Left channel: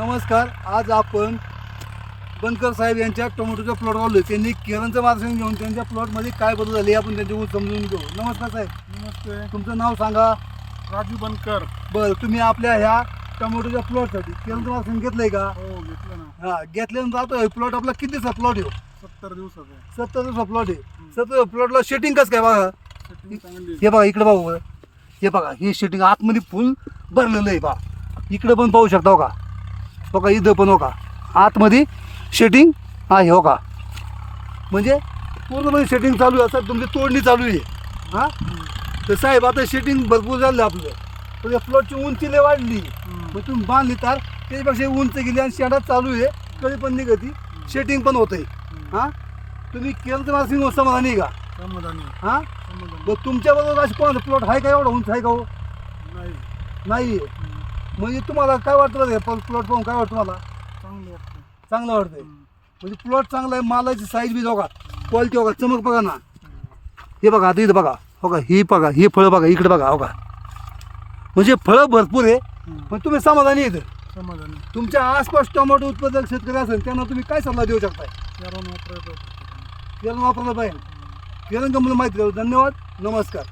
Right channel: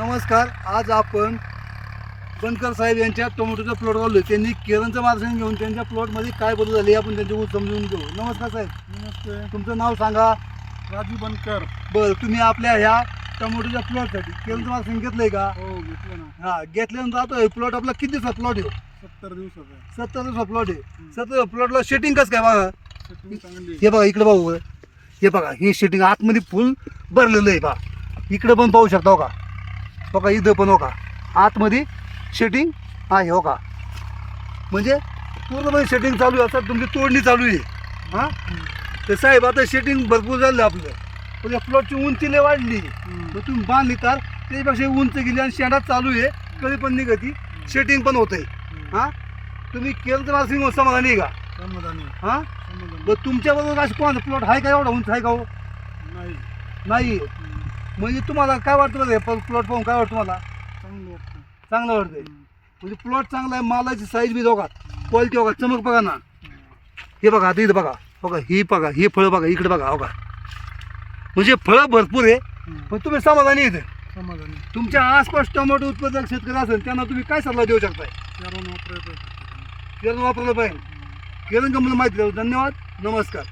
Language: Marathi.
नमस्कार आज आपण बनकर साहेब यांच्या टोमॅटोच्या प्लॉटवर आलोय. त्यांनी केरळचं मार्गदर्शन घेऊन त्यांच्या प्लॉटमध्ये काय बदल झाले आपण त्यांच्याकडून समजून घेऊ. नमस्कार साहेब. नमस्ते. तुमचं नाव सांगा. राजू बनकर. बरं तुम्ही आपल्या ह्या टोमॅटोच्या प्लॉटसाठी केरळचं मार्गदर्शन घेतलंय का? हो घेतलं ना. हा घेतल्यानंतर आता प्लॉट आपला किती दिवसात प्लॉट आहे सत्तर दिवसाचं आहे. सत्तर दिवसात प्लॉट आहे. सत्तर प्लॉटला शेटिंग कसं काय बघा. हे बघा इकडे बघू हे बघा हे शेटिंग आतमध्ये फुल भरलेलं आहे बा. इकडे पण पाहू शकता हो का? हो का इथं पण हो का? आतमध्ये शेटिंग आहे हो का? म्हणजे पूर्णपणे शेटिंग चालू आहे असं तुमची तोडणी चालू आहे. हां. तर साहेब आता शेटिंग भरपूर झालं आपलं. पण या प्लॉटची उंची लय वाढली. मग तुम्ही बांधली तर त्याच्यापेक्षा उंच गेली आणि शेडात चालू आहे कधी पण निघती. शेटिंग पण होतंय. हम्म. हां? तुम्ही केलं नर्सिंग समाधानी आहे का? समाधानी हां? समाधानी मग तुमच्याबरोबर असं कोणाचा प्लॉट आहे का एवढा उंच आहे का हो? नाही. म्हणजे तुम्हाला काय वाटतं बघा प्लॉट पाहून काय वाटतं तुम्हाला? चांगलं वाटतं चांगलं वाटतंय. म्हणजे प्लॉट चांगला आहे मालाची साईज बी बघा क्वालिटी बघा चमक बघा ना. हे बघा आता इथं बघा. बघा ही बघा ही फळं बघा इकडे बघा बघा म्हणजे फळं भरपूर आहे. पण तुम्ही समाधानी येते समाधानी. तुमच्या आसपास टोमॅटो उत्पादक शेतकरी असेल त्यांना तुम्ही काय सल्ला देऊ शकताय? कारण वापरायचं केलं वापरलं पाहिजे. केलं का मला माहिती करू धन्यवाद. नमस्कार.